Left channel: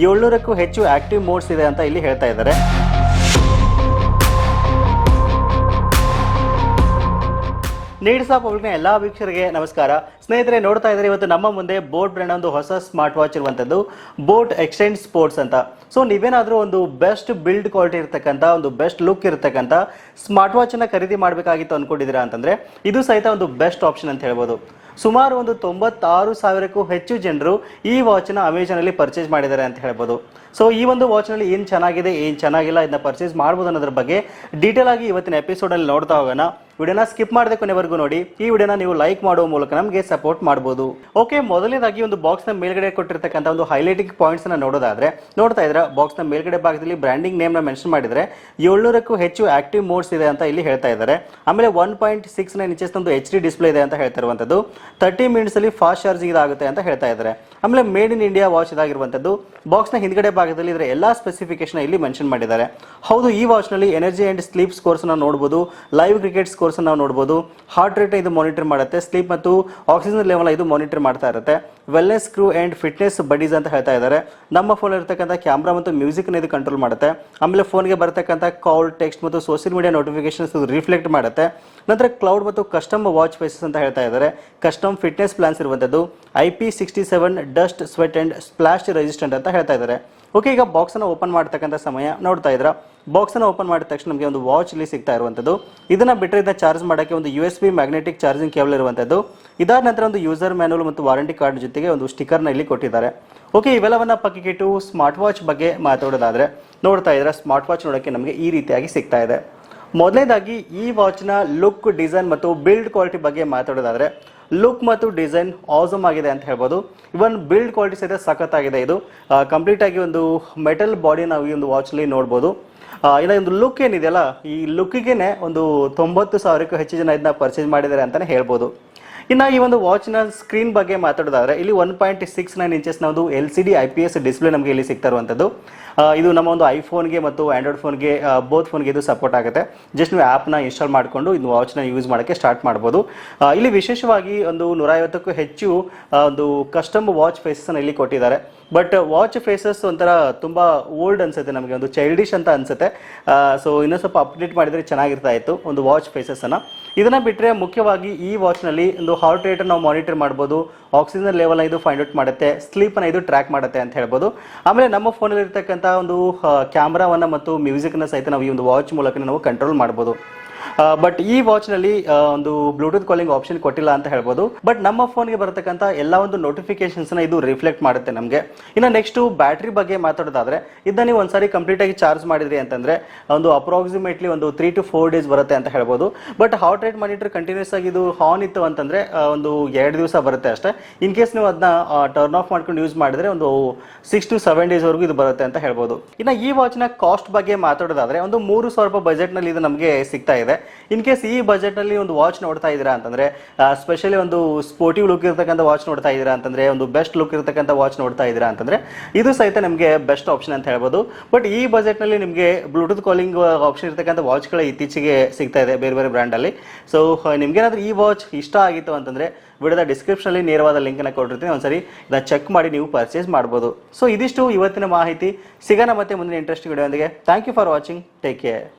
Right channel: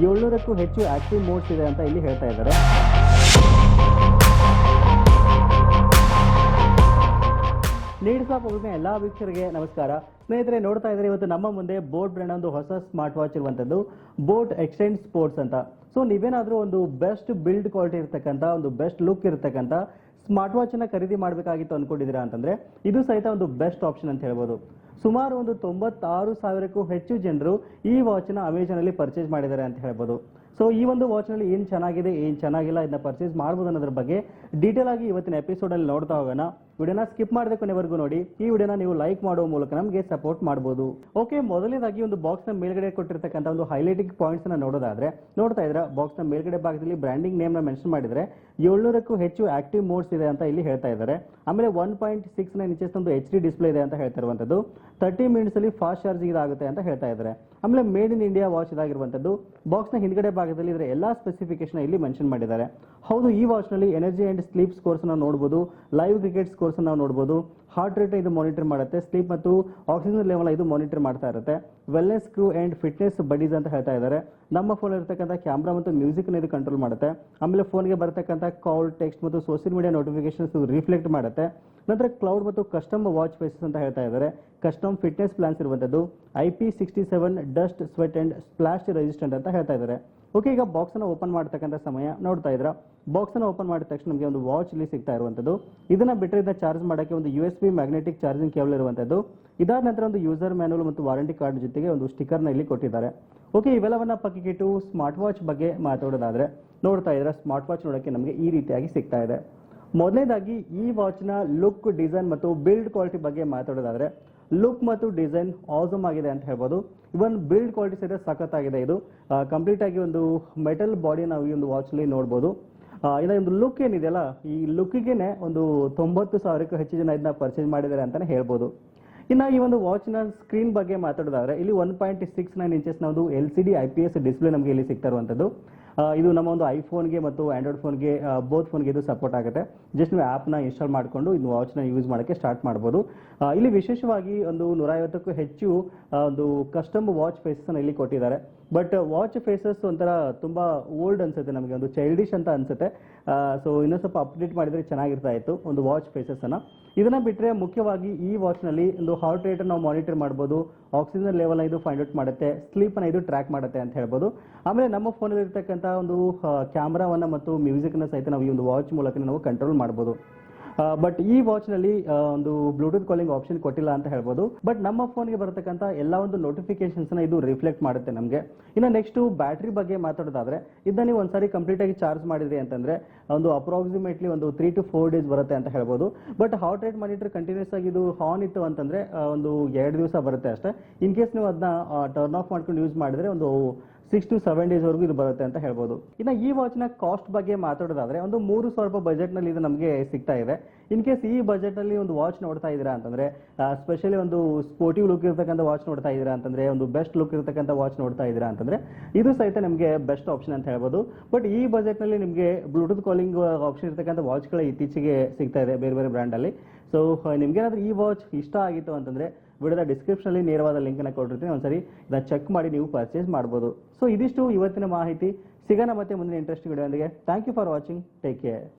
700ಕ್ಕೂ ಹೆಚ್ಚು active modes ಇದೆ ಅಂತ ಇಲ್ಲಿ ಹೇಳ್ತಾ ಇದ್ದಾರೆ. ನೀಡ್ಸ್ ಆಫ್ ಪಬ್ಲಿಕ್ನ ಎಲ್ಲ ವೀಕ್ಷಕರಿಗೆ ನಮಸ್ಕಾರ. ಸ್ನೇಹಿತರೆ, ನೋಡ್ತಾ ಇದ್ದಾರೆ ಇವತ್ತು ನಮ್ಮ ಮುಂದೆ ಬೋಟ್ ಬ್ರ್ಯಾಂಡ್ ಒಂದು ಹೊಸ ಸ್ಮಾರ್ಟ್ ವಾಚ್ ಇರುವಂಥದ್ದು ಬೋಟ್ ಎಕ್ಸ್ಟೆಂಡ್ ಸ್ಪೋರ್ಟ್ಸ್ ಅಂತ. ಸೊ ನೀವೇನಾದರೂ ಒಂದು ಬೆಸ್ಟ್ ಬಿಲ್ಡ್ ಕ್ವಾಲಿಟಿ ಇರತಕ್ಕಂಥ ಒಂದು ಬೆಸ್ಟ್ ಲುಕ್ ಇರತಕ್ಕಂಥ ಸ್ಮಾರ್ಟ್ ವಾಚನ್ನು ಖರೀದಿ ಮಾಡಬೇಕಾಗಿತ್ತು ಅಂದ್ಕೊಂಡಿದ್ದೀರಾ ಅಂತಂದರೆ ಇದು ಸಹಿತ ಒಂದು ಬೆಸ್ಟ್ ಆಪ್ಷನ್ ಅಂತ ಹೇಳ್ಬೋದು. ಸುಮಾರು ಒಂದು 96,000ಕ್ಕೂ ಹೆಚ್ಚು ಜನರು ಈ ವಾಚನ್ನ ಅಮೆಜಾನಲ್ಲಿ ಪರ್ಚೇಸ್ ಮಾಡಿದ್ದಾರೆ ಅಂತ ಹೇಳ್ಬೋದು. ಸೊ ಈ ಒಂದು ವಾಚ್ನಲ್ಲಿ ಏನು ಚೆನ್ನಾಗಿದೆ ಏನು ಚೆನ್ನಾಗಿಲ್ಲ ಇದನ್ನ ಪರ್ಚೇಸ್ ಮಾಡ್ಬೋದು ಅನ್ನೋದ್ರ ಬಗ್ಗೆ ಡೀಟೇಲ್ ಆಗಿ ಇವತ್ತಿನ ಎಪಿಸೋಡಲ್ಲಿ ನೋಡ್ತಾ ಹೋಗೋಣ. ವಿಡಿಯೋನ ಸ್ಕಿಪ್ ಮಾಡದೆ ಕೊನೆವರೆಗೂ ನೋಡಿ. ಈ ವಿಡಿಯೋನ ನೀವು ಲೈಕ್ ಮಾಡುವ ಮೂಲಕ ನಮಗೆ ಸಪೋರ್ಟ್ ಮಾಡ್ಬೋದು. ಓಕೆ, ಮೊದಲನೇದಾಗಿ ಒಂದು ಬಾಕ್ಸ್ನ ಮೇಲ್ಗಡೆ ಕೊಟ್ಟಿರ್ತಕ್ಕಂಥ ಒಂದು ಹೈಲೈಟಿಂಗ್ ಪಾಯಿಂಟ್ಸ್ನ ನೋಡೋದಾದ್ರೆ, ನೋಡ್ತಾ ಇದ್ರೆ ಬಾಕ್ಸ್ನ ಮೇಲ್ಗಡೆ ಭಾಗದಲ್ಲಿ ಬ್ರ್ಯಾಂಡಿಂಗ್ ನೇಮ್ನ ಮೆನ್ಷನ್ ಮಾಡಿದರೆ 700ಕ್ಕೂ ಹೆಚ್ಚು ಆಕ್ಟಿವ್ ಮೋಡ್ಸ್ ಇದೆ ಅಂತ ಇಲ್ಲಿ ಹೇಳ್ತಾ ಇದ್ದಾರೆ. ಆಮೇಲೆ 1.69 ಇಂಚಸ್ ಒಂದು HD ಡಿಸ್ಪ್ಲೇ ಇದೆ ಅಂತ ಹೇಳ್ತಾ ಇರುವಂಥದ್ದು. 30 ಮಿನಿಟ್ಸಲ್ಲಿ ಫಾಸ್ಟ್ ಚಾರ್ಜಿಂಗ್ ಇದಾಗುತ್ತೆ ಅಂತ ಹೇಳ್ತಾ ಇದ್ದಾರೆ. ಆಮೇಲೆ ಮೇಡ್ ಇನ್ ಇಂಡಿಯಾ ವಾಚ್ ಇದಾಗಿರುವಂಥದ್ದು. ಬಾಕ್ಸ್ನ ಹಿಂದ್ಗಡೆ ಭಾಗದಲ್ಲಿ ಇದರ ಎಲ್ಲ ಸ್ಪೆಸಿಫಿಕೇಶನ್ ಇಲ್ಲಿ ಮೆನ್ಷನ್ ಮಾಡಿದ್ದಾರೆ. ಹೌದು, ಈ ವಾಚ್ನಲ್ಲಿ ಎನರ್ಜಿ ಆ್ಯಂಡ್ ಸ್ಲೀಪ್ ಸ್ಕೋರ್ಸ್ನ ನೋಡ್ಬೋದು, ಲೈವ್ ಕ್ರಿಕೆಟ್ ಸ್ಕೋರ್ಸ್ ನಾವು ನೋಡ್ಬೋದು, ಹಾರ್ಟ್ ರೇಟ್ ಇದು ಮಾನಿಟರ್ ಮಾಡುತ್ತೆ, ಸ್ಲೀಪ್ ಮತ್ತು ಆಕ್ಸಿಜನ್ ಲೆವೆಲ್ ಇದು ಮಾನಿಟರ್ ಮಾಡ್ತಾ ಇರುತ್ತೆ. Wellness crew and fitness buddies ಅಂತ ಹೇಳ್ತಾ ಇದ್ದಾರೆ. ನಮ್ಮ ಫೋನ್ ಇರತಕ್ಕಂಥ ಕ್ಯಾಮ್ರಾ ಮತ್ತು ಮ್ಯೂಸಿಕ್ನ ಇದು ಕಂಟ್ರೋಲ್ ಮಾಡುತ್ತೆ. ಆಮೇಲೆ ಫೋನ್ಗೆ ಬರತಕ್ಕಂಥ ಕಾಲ್, ಟೆಕ್ಸ್ಟ್ ಮತ್ತು ಸೋಷಿಯಲ್ ಮೀಡಿಯಾ ನೋಟಿಫಿಕೇಶನ್ಸ್ ರಿಫ್ಲೆಕ್ಟ್ ಮಾಡುತ್ತೆ. ನಂತರ ಕ್ಲೌಡ್ ಮತ್ತು ಕಸ್ಟಮ್ ವಾಚ್ ಫೇಸಸ್ ಅಂತ ಹೇಳ್ತಾ ಇದ್ದಾರೆ. ಕಸ್ಟಮ್ ಫಿಟ್ನೆಸ್ ಪ್ಲಾನ್ಸ್ ಇರುವಂಥದ್ದು. IP67 dust, sweat and splash resistant ಅಂತ ಹೇಳ್ತಾ ಇದ್ದಾರೆ. ಓಕೆ, ಈಗ ಬಾಕ್ಸನ್ನು ಓಪನ್ ಮಾಡ್ತಕ್ಕಂಥ ಸಮಯ ನೋಡ್ತಾ ಇದ್ರ. ಬಾಕ್ಸನ್ನು ಓಪನ್ ಮಾಡಿದ ತಕ್ಷಣ ನಮಗೆ ಒಂದು ವಾಚ್ ಇಲ್ಲಿ ಸಿಗ್ತಾ ಇರುವಂಥದ್ದು. ಇದನ್ನು ಬಿಟ್ಟರೆ ಇದನ್ನ ಚಾರ್ಜ್ ಮಾಡೋಕ್ಕೆ ಒಂದು USB ಮ್ಯಾಗ್ನೆಟಿಕ್ ಚಾರ್ಜಿಂಗ್ ಕೇಬಲ್ ಇರುವಂಥದ್ದು. ಇದಾದ ನಂತರ ಒಂದು ಯೂಸರ್ ಮ್ಯಾನುವಲ್ ಮತ್ತು ವಾರಂಟಿ ಕಾರ್ಡ್ ಜೊತೆಗೆ ಒಂದು ಸ್ಟಿಕರ್ನ ಇಲ್ಲಿ ಕೊಟ್ಟಿದ್ದಾರೆ. ಓಕೆ, ಇವೆಲ್ಲವನ್ನ ಪಕ್ಕಕ್ಕಿಟ್ಟು ಸ್ಮಾರ್ಟ್ ವಾಚ್ ಬಗ್ಗೆ ಮಾತಾಡೋದಾದರೆ, ನೋಡ್ತಾ ಇದ್ರೆ ಸ್ಮಾರ್ಟ್ ವಾಚ್ ನೋಡೋಕ್ಕೆ ನಮಗೆ ಈ ರೀತಿಯಾಗಿ ಸಿಗ್ತಾ ಇದೆ. ಮೊದಲನೇದಾಗಿ ಈ ವಾಚ್ನ ಲುಕ್, ಡಿಸೈನ್ ಮತ್ತು ಬಿಲ್ಡ್ ಕ್ವಾಲಿಟಿ ಬಗ್ಗೆ ಮಾತಾಡೋದಾದರೆ, ಲುಕ್ ಮತ್ತು ಡಿಸೈನ್ ಆಸಮ್ ಆಗಿದೆ ಅಂತ ಹೇಳ್ಬೋದು. ಇವನ್ ಬಿಲ್ಡ್ ಕ್ವಾಲಿಟಿ ಸಹಿತ ಸಖತ್ತಾಗಿದೆ. ಇದು ಕಂಪ್ಲೀಟ್ ಆಗಿ ಒಂದು ಮೆಟಲ್ ಬಾಡಿ ನಾವು ಈ ಒಂದು ವಾಚಲ್ಲಿ ನೋಡ್ಬೋದು. ಇನ್ನು ಒಂದು ಲುಕ್ ಏನಿದೆಯಲ್ಲ, ಈ ಲುಕ್ಕಿಗೆ ಒಂದು 90,000ಕ್ಕೂ ಹೆಚ್ಚು ಜನ ಇದನ್ನ ಪರ್ಚೇಸ್ ಮಾಡಿದ್ದಾರೆ ಅಂತಲೇ ಹೇಳ್ಬೋದು. ಇನ್ನು ಈ ಒಂದು ವಾಚ್ನ ಸ್ಕ್ರೀನ್ ಬಗ್ಗೆ ಮಾತಾಡೋದಾದರೆ, ಇಲ್ಲಿ 1.69 ಇಂಚಸ್ನ ಒಂದು LCD IPS ಡಿಸ್ಪ್ಲೇ ನಮಗೆ ಇಲ್ಲಿ ಸಿಗ್ತಾ ಇರುವಂಥದ್ದು. ಇದು ನಮ್ಮ ಒಂದು ಐಫೋನ್ಗೆ ಮತ್ತು ಆ್ಯಂಡ್ರಾಯ್ಡ್ ಫೋನ್ಗೆ ಬೋತ್ ಫೋನ್ಗೆ ಇದು ಸಪೋರ್ಟ್ ಆಗುತ್ತೆ. ಜಸ್ಟ್ ನೀವು ಆ್ಯಪ್ನ ಇನ್ಸ್ಟಾಲ್ ಮಾಡಿಕೊಂಡು ಇದು ವಾಚ್ನ ಯೂಸ್ ಮಾಡೋಕ್ಕೆ ಸ್ಟಾರ್ಟ್ ಮಾಡ್ಬೋದು. ಇಲ್ಲಿ ವಿಶೇಷವಾಗಿ ಒಂದು 150ಕ್ಕೂ ಹೆಚ್ಚು ಒಂದು ಕಸ್ಟಮ್ ವಾಚ್ ಫೇಸಸ್ನ ಇಲ್ಲಿ ಕೊಟ್ಟಿದ್ದಾರೆ. ಬಟ್ ವಾಚ್ ಫೇಸಸ್ ಒಂಥರ ತುಂಬ ಓಲ್ಡ್ ಅನಿಸುತ್ತೆ, ನಮಗೆ ಒಂದು ಚೈಲ್ಡಿಶ್ ಅಂತ ಅನಿಸುತ್ತೆ. ಸೊ ಇನ್ನೂ ಸ್ವಲ್ಪ ಅಪ್ಡೇಟ್ ಮಾಡಿದರೆ ಚೆನ್ನಾಗಿರ್ತಾ ಇತ್ತು ಒಂದು ವಾಚ್ ಫೇಸಸ್ಸನ್ನು. ಇದನ್ನು ಬಿಟ್ಟರೆ ಮುಖ್ಯವಾಗಿ ಈ ವಾಚ್ನಲ್ಲಿ ಒಂದು ಹಾರ್ಟ್ ರೇಟನ್ನು ನಾವು ಮಾನಿಟರ್ ಮಾಡ್ಬೋದು, ಆಕ್ಸಿಜನ್ ಲೆವೆಲ್ನ ಇದು ಫೈಂಡ್ ಔಟ್ ಮಾಡುತ್ತೆ, ಸ್ಲೀಪನ್ನು ಇದು ಟ್ರ್ಯಾಕ್ ಮಾಡುತ್ತೆ ಅಂತ ಹೇಳ್ಬೋದು. ಆಮೇಲೆ ನಮ್ಮ ಫೋನಲ್ಲಿ ಇರ್ತಕ್ಕಂಥ ಒಂದು ಕ್ಯಾಮ್ರಾವನ್ನು ಮತ್ತು ಮ್ಯೂಸಿಕ್ನ ಸಹಿತ ನಾವು ಈ ಒಂದು ವಾಚ್ ಮೂಲಕ ನಾವು ಕಂಟ್ರೋಲ್ ಮಾಡ್ಬೋದು. ಬಟ್ ಈ ವಾಚ್ನಲ್ಲಿ ಒಂದು ಬ್ಲೂಟೂತ್ ಕಾಲಿಂಗ್ ಆಪ್ಷನ್ ಕೊಟ್ಟಿಲ್ಲ ಅಂತ ಹೇಳ್ಬೋದು. ಬಟ್ ನಮ್ಮ ಫೋನ್ಗೆ ಬರತಕ್ಕಂಥ ಎಲ್ಲ ಒಂದು ನೋಟಿಫಿಕೇಶನ್ಸ್ನ ಇದು ರಿಫ್ಲೆಕ್ಟ್ ಮಾಡುತ್ತೆ ನಮಗೆ. ಇನ್ನು ನೆಕ್ಸ್ಟು ಬ್ಯಾಟ್ರಿ ಬಗ್ಗೆ ಮಾತಾಡೋದಾದರೆ, ಇದನ್ನ ನೀವು ಒಂದ್ಸಾರಿ ಕಂಪ್ಲೀಟಾಗಿ ಚಾರ್ಜ್ ಮಾಡಿದ್ರಿ ಅಂತಂದರೆ ಒಂದು ಅಪ್ರಾಕ್ಸಿಮೇಟ್ಲಿ ಒಂದು 3 to 4 ಡೇಸ್ ಬರುತ್ತೆ ಅಂತ ಹೇಳ್ಬೋದು. But heart rate monitor continuous ಆಗಿ ಇದು ಆನ್ ಇತ್ತು ಅಂತಂದರೆ ಒಂದು 2 ದಿವಸ ಬರುತ್ತೆ ಅಷ್ಟೇ. ಇನ್ ಕೇಸ್ ನೀವು ಅದನ್ನ ಟರ್ನ್ ಆಫ್ ಮಾಡ್ಕೊಂಡು ಯೂಸ್ ಮಾಡಿದ್ರೆ ಒಂದು 6 to 7 ಡೇಸ್ವರೆಗೂ ಇದು ಬರುತ್ತೆ ಅಂತ ಹೇಳ್ಬೋದು. ಇನ್ನು ಈ ವಾಚ್ನ ಕಾಸ್ಟ್ ಬಗ್ಗೆ ಮಾತಾಡೋದಾದರೆ, ಒಂದು 3,000 ರೂಪಾಯಿ ಬಜೆಟ್ನಲ್ಲಿ ಇದು ನಮಗೆ ಸಿಗ್ತಾ ಇದೆ. ಇನ್ ಕೇಸ್ ಈ ಬಜೆಟ್ನಲ್ಲಿ ಒಂದು ವಾಚ್ ನೋಡ್ತಾ ಇದ್ದೀರಾ ಅಂತಂದರೆ, ಸ್ಪೆಷಲಿ ಒಂದು ಸ್ಪೋರ್ಟಿವ್ ಲುಕ್ ಇರತಕ್ಕಂಥ ವಾಚ್ ನೋಡ್ತಾ ಇದ್ದೀರಾ ಅಂತಂದರೆ, ಒಂದು ಬೆಸ್ಟ್ ಲುಕ್ ಇರತಕ್ಕಂಥ ವಾಚ್ ನೋಡ್ತಾ ಇದ್ದೀರಾ ಅಂತಂದರೆ ಇದು ಸಹಿತ ನಿಮಗೆ ಬೆಸ್ಟ್ ಆಪ್ಷನ್ ಅಂತ ಹೇಳ್ಬೋದು. ಬಟ್ ಈ ಬಜೆಟ್ನಲ್ಲಿ ನಿಮಗೆ ಬ್ಲೂಟೂತ್ ಕಾಲಿಂಗ್ ಆಪ್ಷನ್ ಇರತಕ್ಕಂಥ ವಾಚ್ಗಳು ಇತ್ತೀಚೆಗೆ ಸಿಗ್ತಾ ಇದೆ ಬೇರೆ ಬೇರೆ ಬ್ರ್ಯಾಂಡಲ್ಲಿ. ಸೊ ನಿಮಗೇನಾದರೂ ಈ ವಾಚ್ ಇಷ್ಟ ಆಗಿತ್ತು ಅಂತಂದರೆ ವಿಡಿಯೋದ ಡಿಸ್ಕ್ರಿಪ್ಷನಲ್ಲಿ ನೇರವಾದ ಲಿಂಕನ್ನು ಕೊಟ್ಟಿರ್ತೀನಿ, ಒಂದ್ಸರಿ ಇದನ್ನು ಚೆಕ್ ಮಾಡಿ ನೀವು ಪರ್ಚೇಸ್ ಮಾಡ್ಬೋದು. ಸೊ ಇದಿಷ್ಟು ಇವತ್ತಿನ ಮಾಹಿತಿ. ಸಿಗೋಣ ಮತ್ತೆ ಮುಂದಿನ ಇಂಟ್ರೆಸ್ಟಿಂಗ್ ವಿಡಿಯೋ ಒಂದಿಗೆ. Thank you for watching. Take care.